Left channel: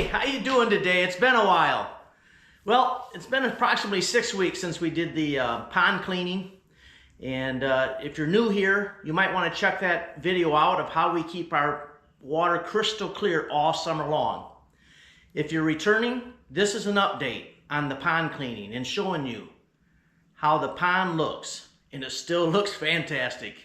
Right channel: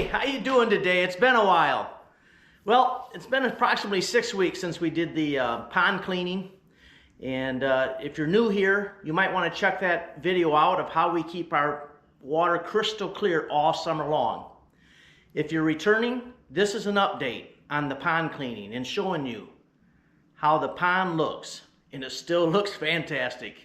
Hey, how you doing today? It's been a while. Well, it's been approximately 6 weeks since we did the pond cleaning. And if you're new here, you might want to check that video out of how we keep our water crystal clear all summer long. If you're returning, this is an update on the pond cleaning and showing you how the pond looks. And it still looks fantastic.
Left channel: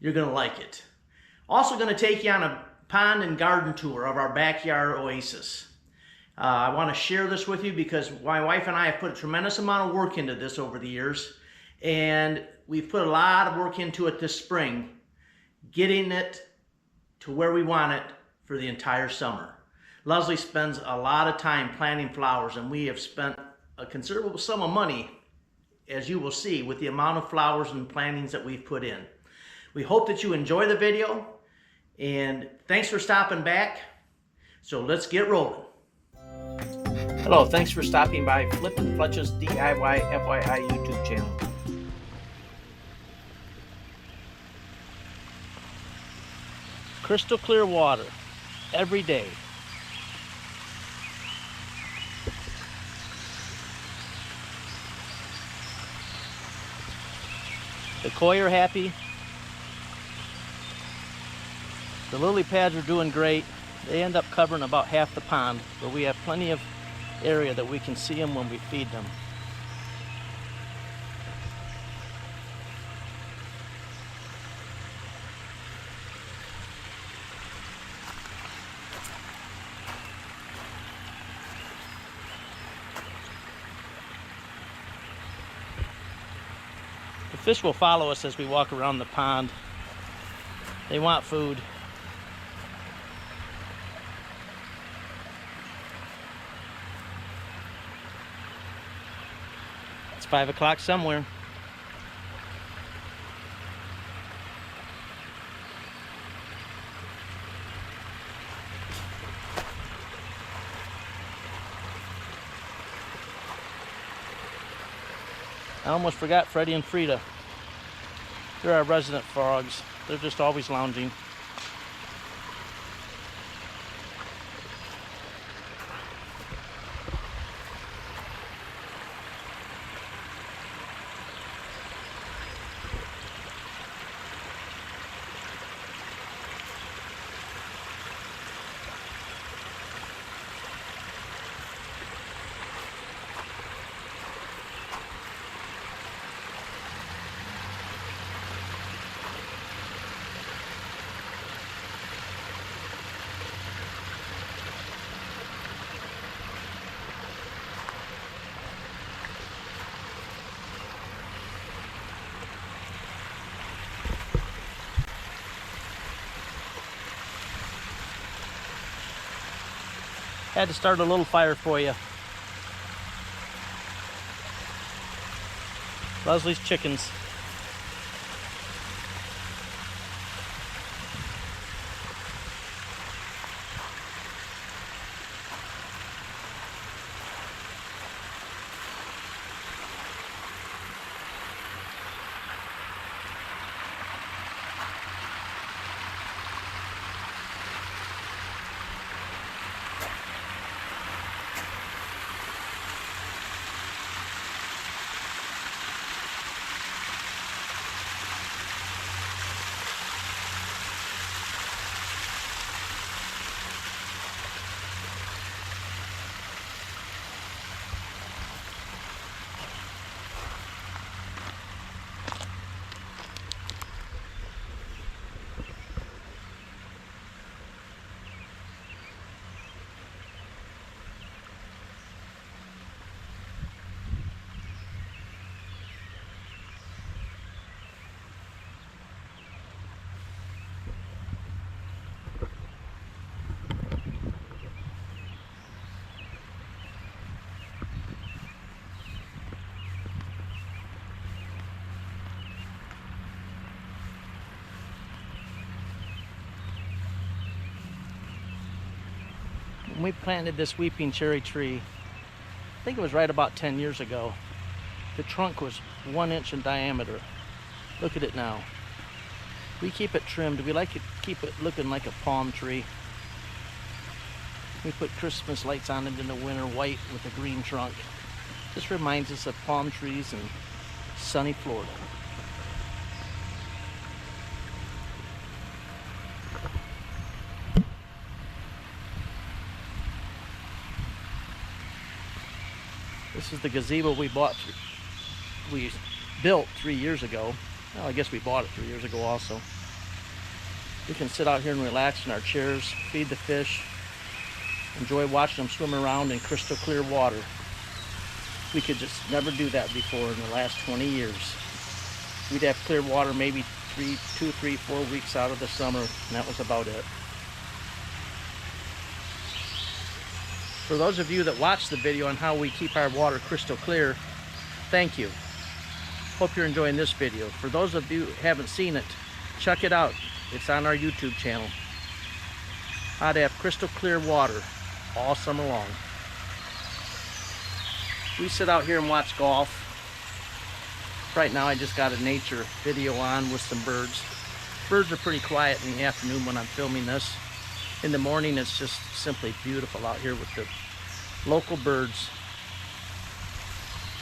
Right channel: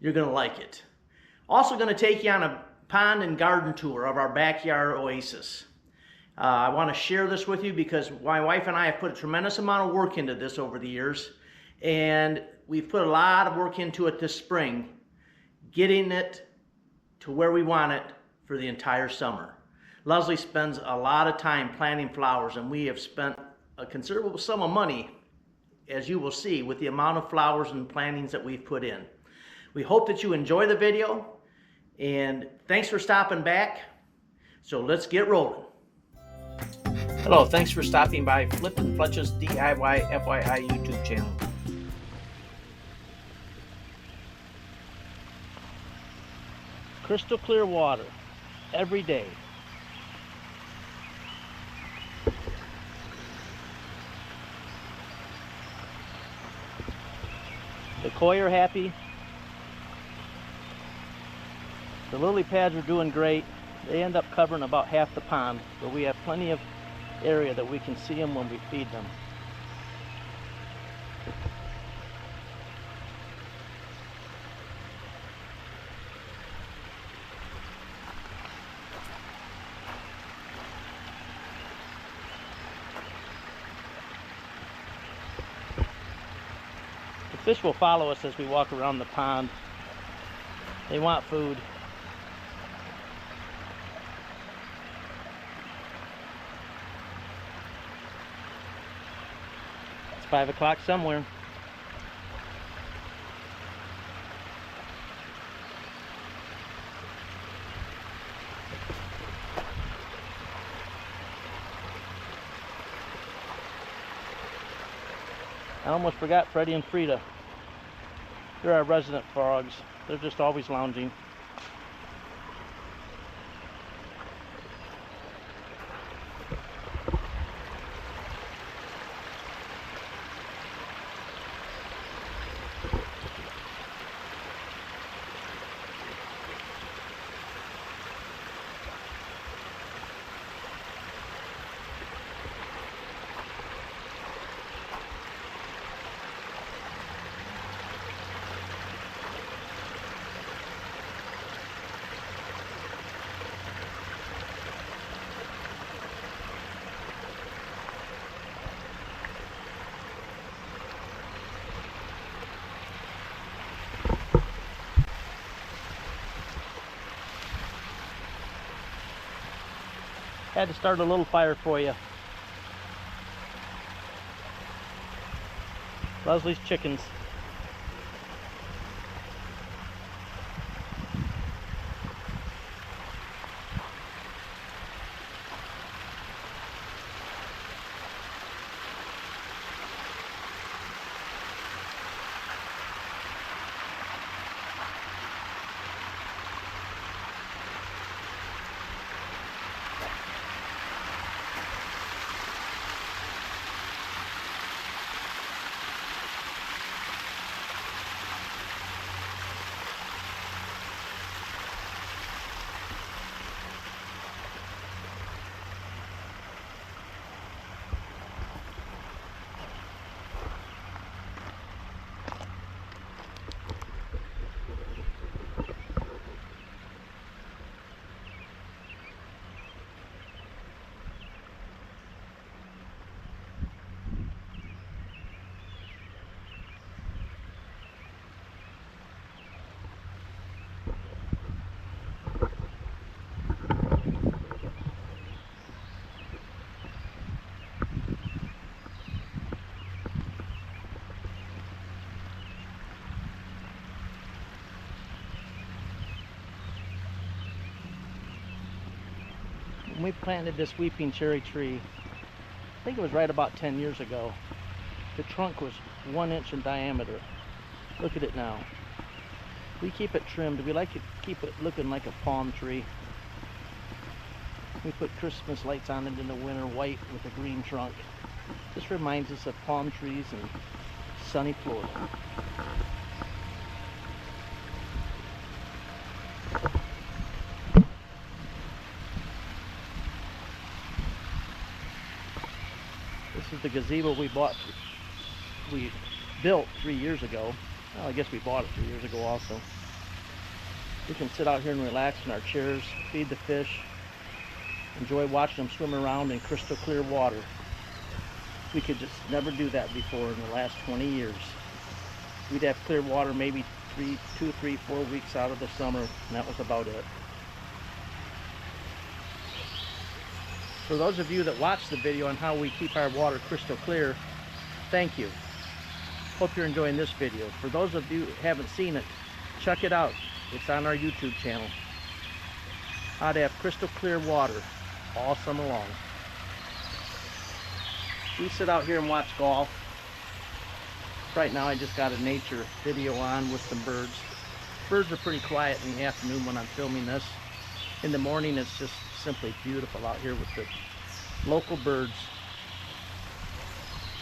You're going to like it. Also going to take you on a pond and garden tour of our backyard oasis. I want to share this with you because my wife and I have put a tremendous amount of work into this over the years, and we've put a lot of work into it this spring, getting it to where we want it for the entire summer. Leslie spends a lot of time planting flowers, and we have spent a considerable sum of money, as you will see, with the amount of flowers and plantings that we've put in. We hope that you enjoy the video. And thanks for stopping back. So let's get rolling. Hello, thanks for stopping by Flippin' Fletch's DIY-FYI YouTube channel. Crystal clear water every day. The koi are happy. The lily pads are doing great. They end up covering about half the pond, but we have plenty of area that we can see them when we feed them. The fish will follow us as we walk around the pond. They want food. It's 5 o'clock somewhere. I almost forgot Freddie and Frida. They're our resident frogs. They're just always lounging. Had to start a little fire for you. Leslie's chickens. When we planted this weeping cherry tree, I think it was right about 10 years ago. The trunk was 1 inch in diameter. Look at it now. We keep it trimmed. We like to keep it looking like a palm tree. We put Christmas lights on it in the winter, white with a green trunk. This reminds us of palm trees and sunny Florida. This is the gazebo we built 3 years ago. Well, I guess we bought it 3 years ago also. We can sit out here and relax in our chairs, feed the fish, enjoy watching them swim around in crystal clear water. We could just never do that before in the last 20 years. We'd have clear water maybe 2, 3, 4 weeks out of the summer, and that was about it. For those of you that watch the video on how we keep our water crystal clear, thank you. Hope you're enjoying this video. For those of you who haven't seen it, check it out. It's on our YouTube channel. How to have crystal clear water all summer long. We sit out here and watch golf. Right now I just got a nature video on with some birds. Birds are pretty quiet in the afternoon when I'm filming this. In the morning it's just simply beautiful out here with the local birds.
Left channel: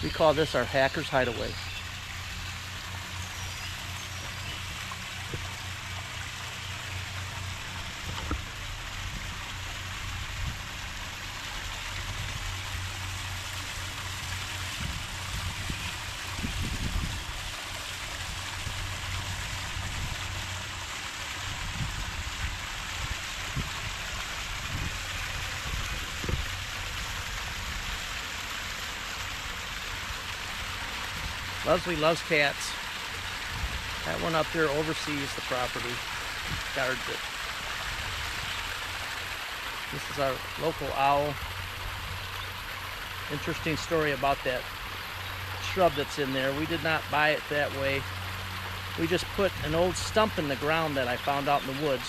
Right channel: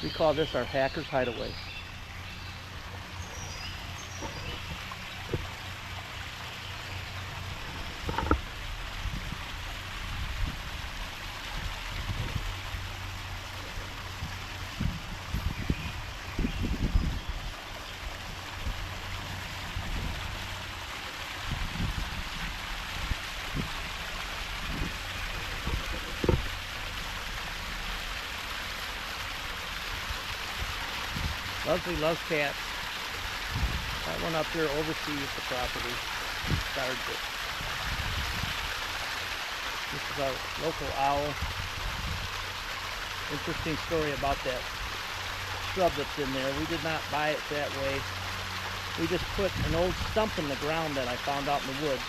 We call this our Hacker's Hideaway. Leslie loves cats. That one up there oversees the property, guards it. This is our local owl. Interesting story about that shrub that's in there. We did not buy it that way. We just put an old stump in the ground that I found out in the woods,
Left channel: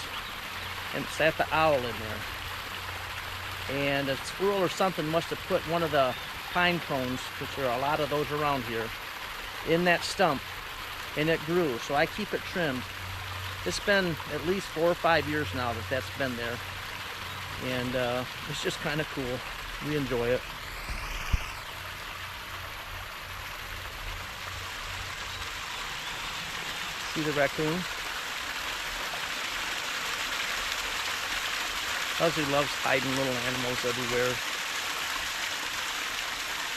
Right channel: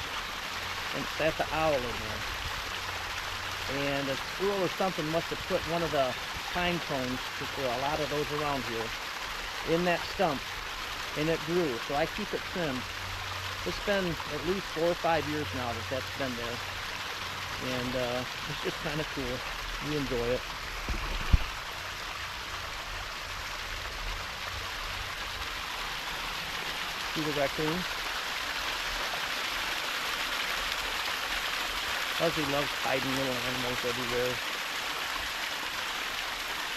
and it sat the owl in there. And a squirrel or something must have put one of the pine cones, because there are a lot of those around here, in that stump, and it grew. So I keep it trimmed. It's been at least 4 or 5 years now that that's been there, and it's just kind of cool. We enjoy it. See the raccoon? Leslie loves hiding little animals everywhere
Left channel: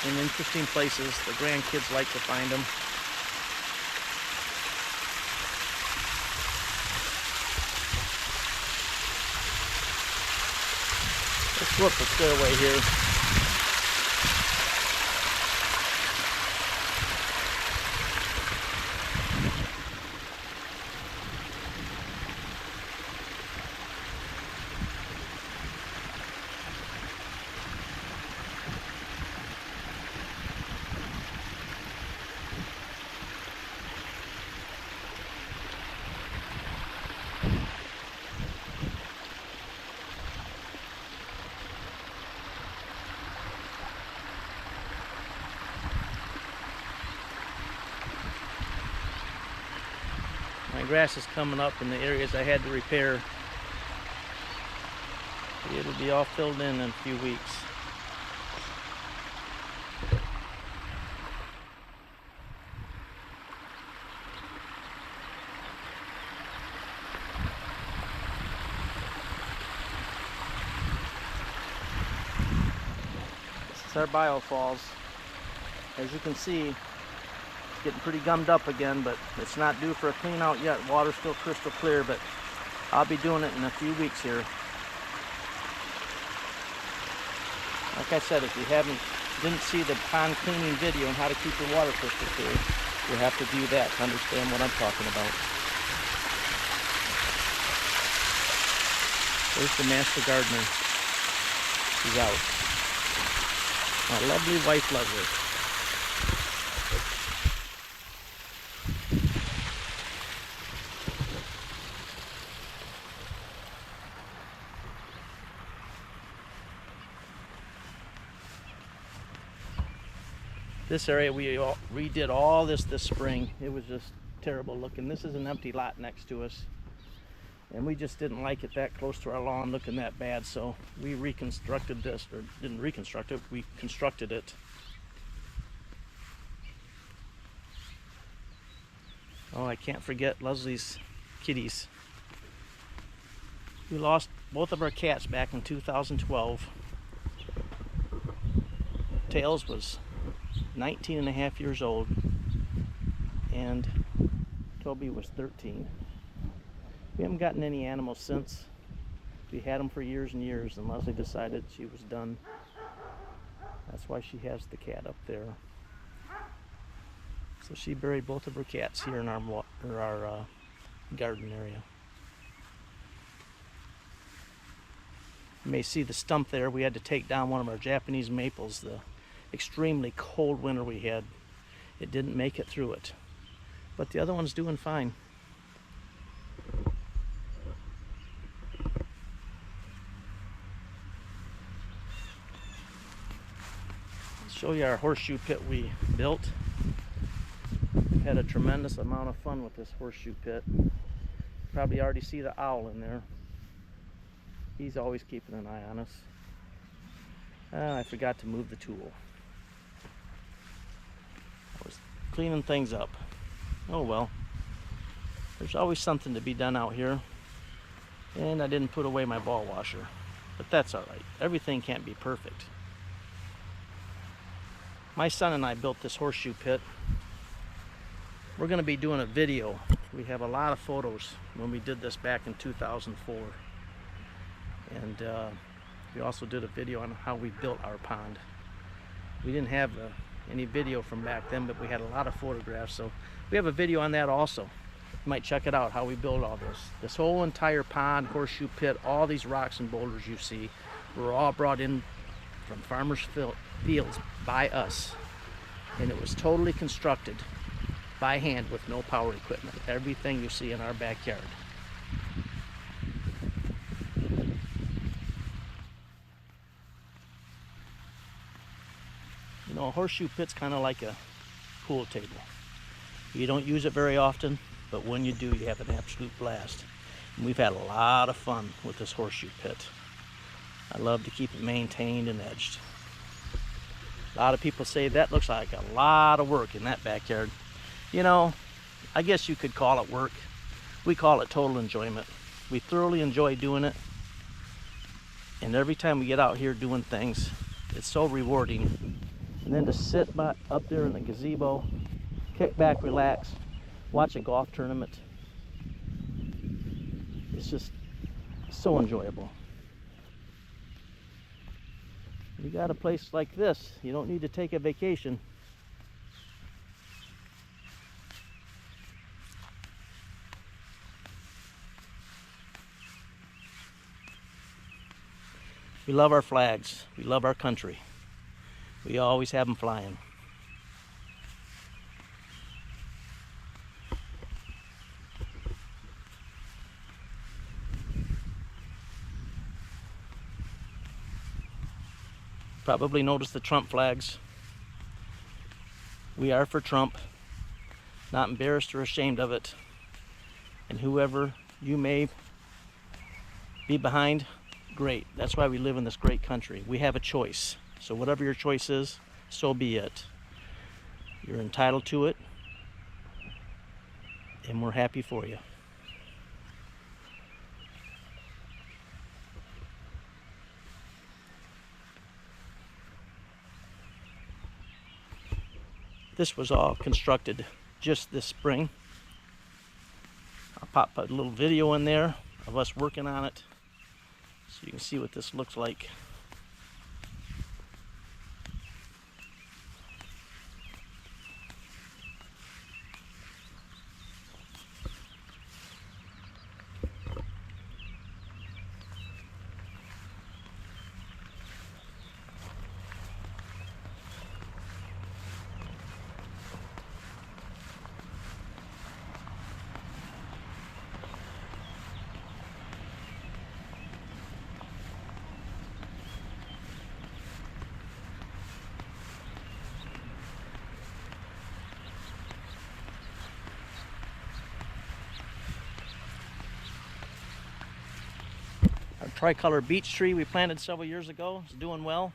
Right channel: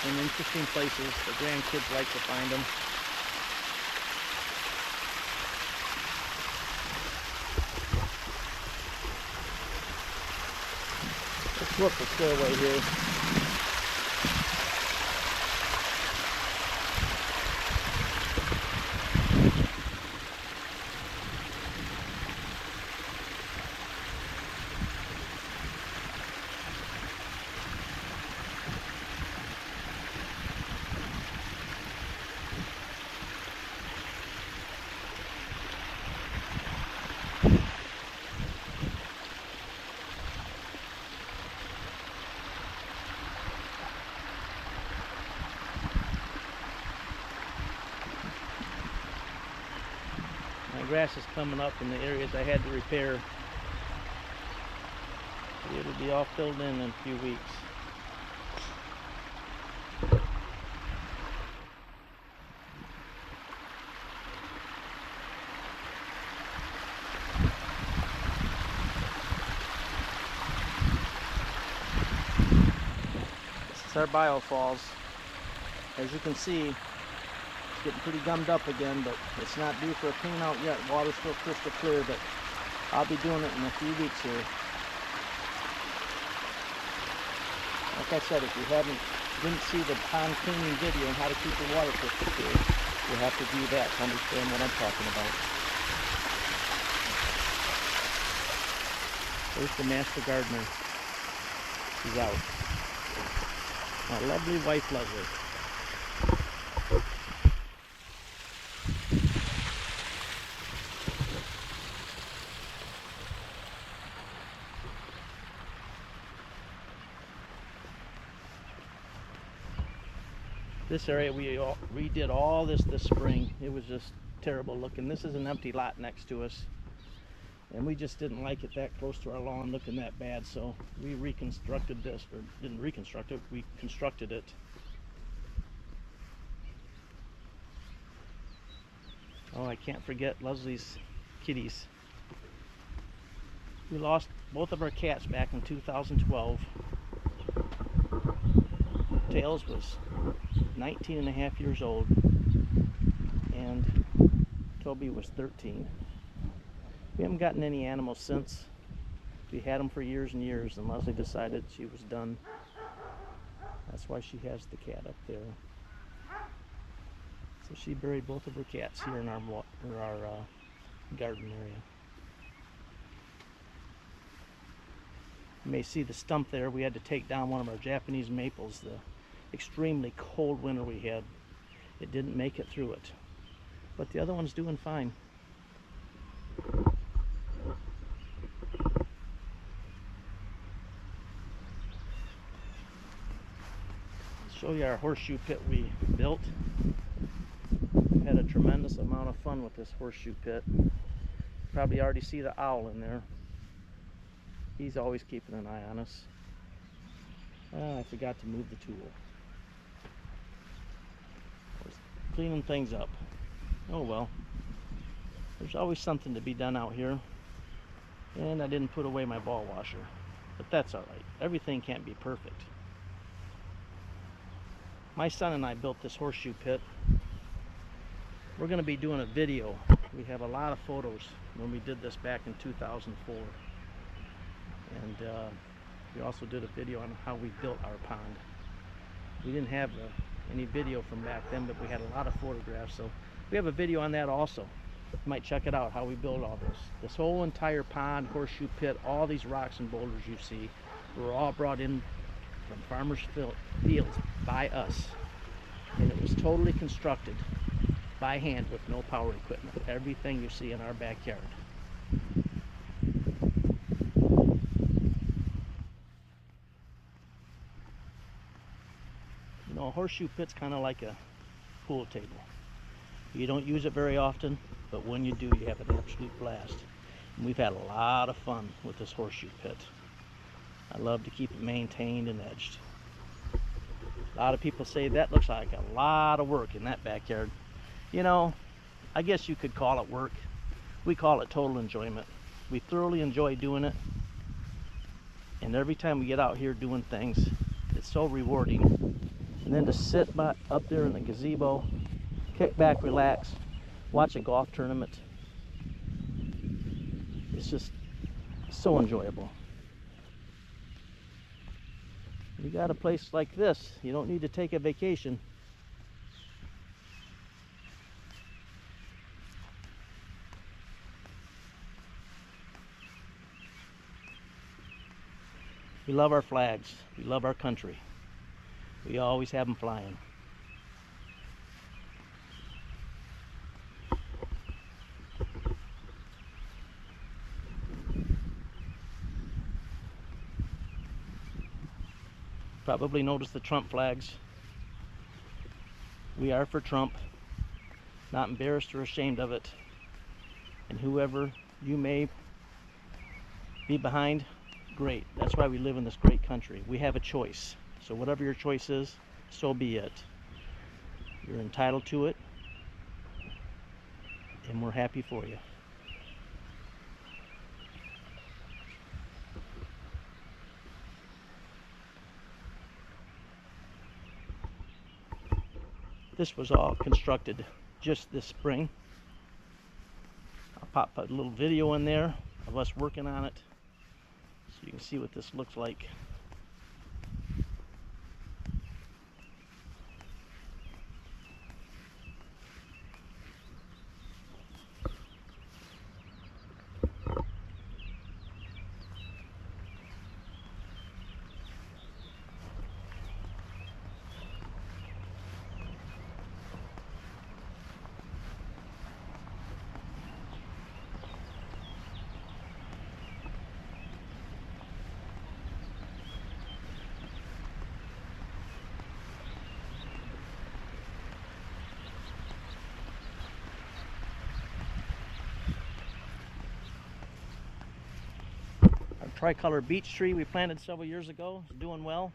in interesting places. The grandkids like to find them. Let's look the stairway here. My grass is coming up in the areas I had to repair. It'll be all filled in a few weeks. This is our biofalls. As you can see, getting pretty gummed up again, but it's not due for a clean out yet. Water's still crystal clear, but I'll be doing it in a few weeks here. Like I said, if you didn't see the pond cleaning video on how to keep your water crystal clear, you'll have to do that to understand what I'm talking about. There's the master gardener. He's out. My lovely wife Leslie. This area we redid all this spring. It was just terrible looking. This is an empty lot next to us. and we just didn't like it that close to our lawn looking that bad, so we reconstructed this, or didn't reconstruct it, we constructed it. Oh, I can't forget Leslie's kitties. We lost both of our cats back in 2012. Tails was 19 and a half years old, and Toby was 13. We haven't gotten any animals since. We had them for years and years, and Leslie decided she was done. That's why she has the cat up there. So she buried both of her cats here in our garden area. You may see the stump there. We had to take down one of our Japanese maples. The extremely cold winter we had, it didn't make it through it. But the other one's doing fine. I'll show you our horseshoe pit we built. Had a tremendous amount of fun with this horseshoe pit. Probably already see the owl in there. He's always keeping an eye on us. I forgot to move the tool. I was cleaning things up. Oh well. There's always something to be done out here. And I didn't put away my ball washer. But that's alright. Everything can't be perfect. My son and I built this horseshoe pit. We're going to be doing a video. We have a lot of photos when we did this back in 2004. And we also did a video on how we built our pond. We didn't have any video from back then, but we had a lot of photographs. So we have a video on that also. You might check it out, how we built all this. This whole entire pond, horseshoe pit, all these rocks and boulders you see were all brought in from farmers' fields by us. And it was totally constructed by hand with no power equipment. Everything you see in our backyard. You know, a horseshoe pit's kind of like a pool table. You don't use it very often, but when you do, you have an absolute blast. And we've had a lot of fun with this horseshoe pit. I love to keep it maintained and edged. A lot of people say that looks like a lot of work in that backyard. You know, I guess you could call it work. We call it total enjoyment. We thoroughly enjoy doing it. And every time we get out here doing things, it's so rewarding. And then to sit up there in the gazebo, kick back, relax, watch a golf tournament. It's just so enjoyable. You got a place like this, you don't need to take a vacation. We love our flags. We love our country. We always have them flying. Probably noticed the Trump flags. We are for Trump. Not embarrassed or ashamed of it. And whoever you may be behind, great. That's why we live in this great country. We have a choice. So whatever your choice is, so be it. You're entitled to it. And we're happy for you. This was all constructed just this spring. I'll pop a little video in there of us working on it so you can see what this looks like. tricolor beech tree we planted several years ago. It's doing well.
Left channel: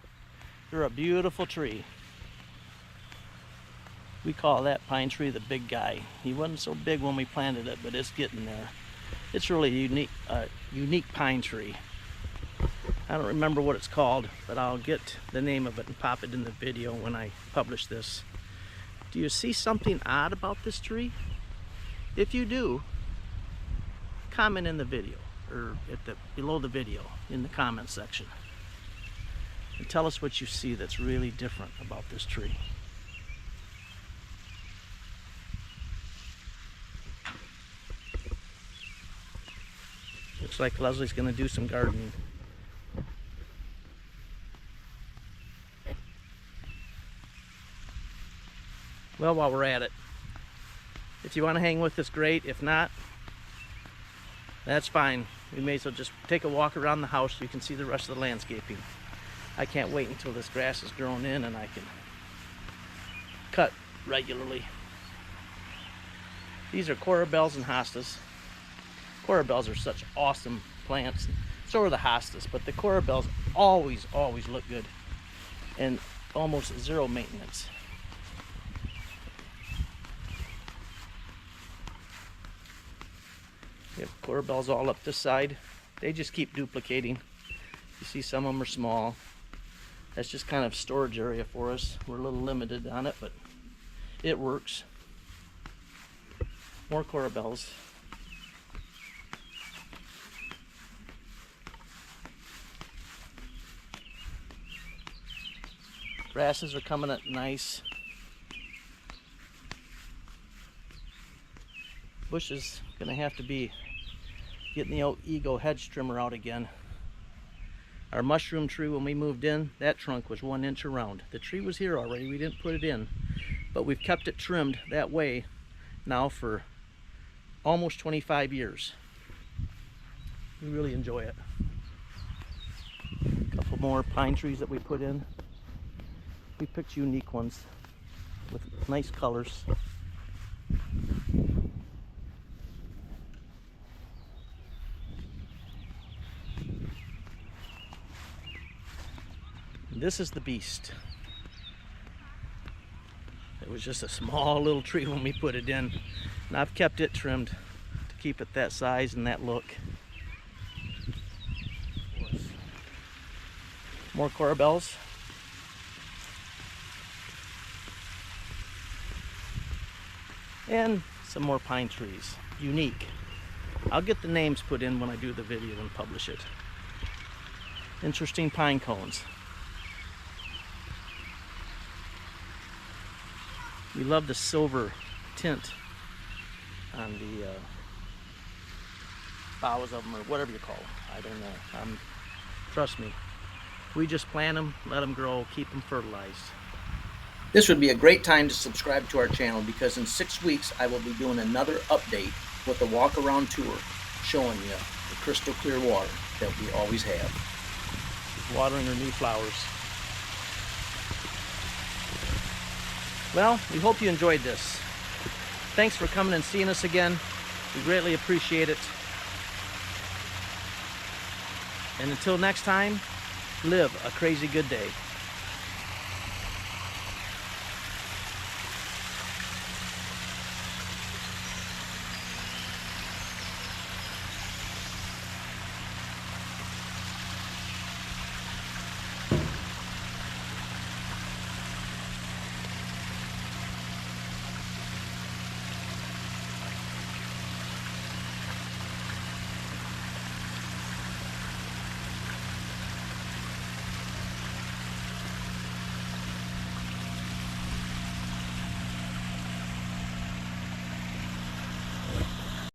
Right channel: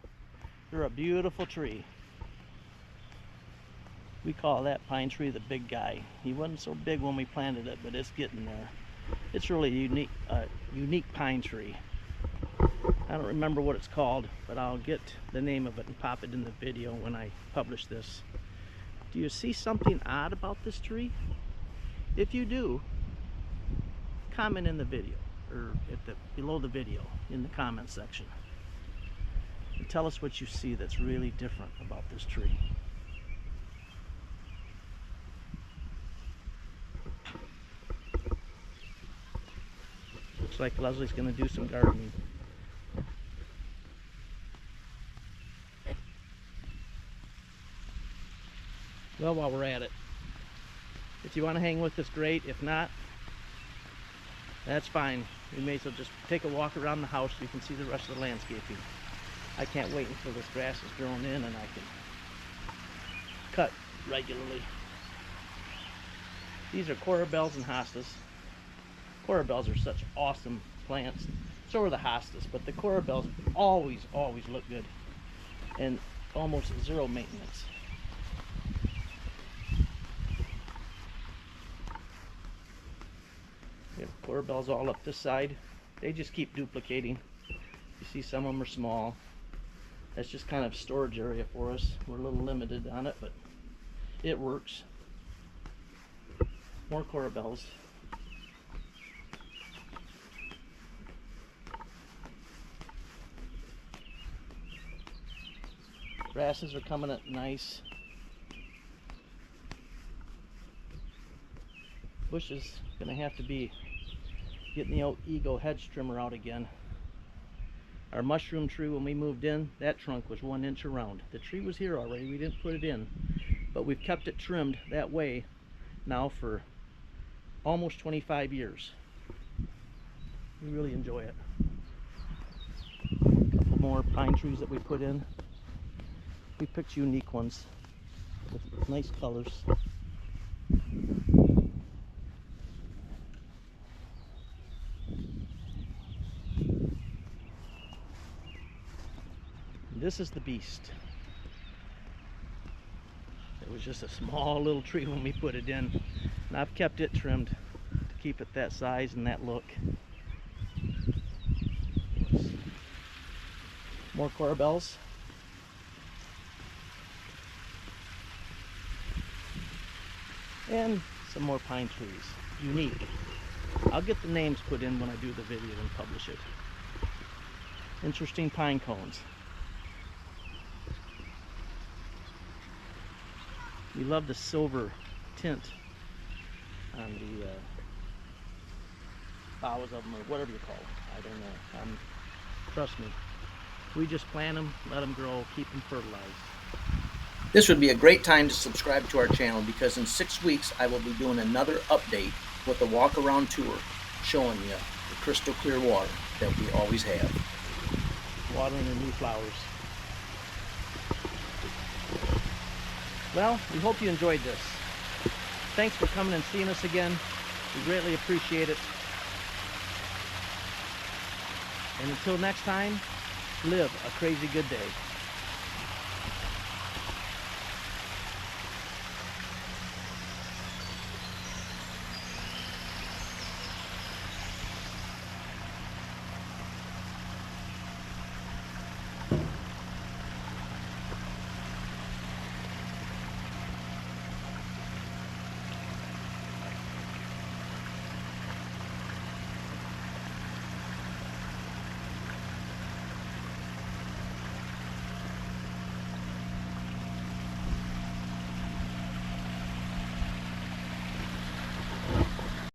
They're a beautiful tree. We call that pine tree the big guy. He wasn't so big when we planted it, but it's getting there. It's really a unique pine tree. I don't remember what it's called, but I'll get the name of it and pop it in the video when I publish this. Do you see something odd about this tree? If you do, comment in the video, or below the video in the comment section. And tell us what you see that's really different about this tree. Looks like Leslie's going to do some gardening. Well, while we're at it, if you want to hang with us, great. If not, that's fine. We may as well just take a walk around the house so you can see the rest of the landscaping. I can't wait until this grass is grown in and I can cut regularly. These are corabells and hostas. Corabells are such awesome plants. So are the hostas, but the corabells always look good and almost zero maintenance. We have corabells all up this side. They just keep duplicating. You see some of them are small. That's just kind of storage area for us. We're a little limited on it, but it works. More corabells. Grasses are coming up nice. Bush is gonna have to be getting the old Ego hedge trimmer out again. Our mushroom tree, when we moved in, that trunk was 1 inch around. The tree was here already, we didn't put it in, but we've kept it trimmed that way now for almost 25 years. We really enjoy it. A couple more pine trees that we put in. We picked unique ones with nice colors. This is the beast. It was just a small little tree when we put it in, and I've kept it trimmed to keep it that size and that look. More corabells. And some more pine trees. Unique. I'll get the names put in when I do the video and publish it. Interesting pine cones. We love the silver tint on the boughs of them, or whatever you call them. I don't know. Trust me. We just plant them, let them grow, keep them fertilized. This would be a great time to subscribe to our channel, because in 6 weeks I will be doing another update with a walk around tour showing you the crystal clear water that we always have. Watering the new flowers. Well, we hope you enjoyed this. Thanks for coming and seeing us again. We greatly appreciate it. And until next time, live a crazy good day.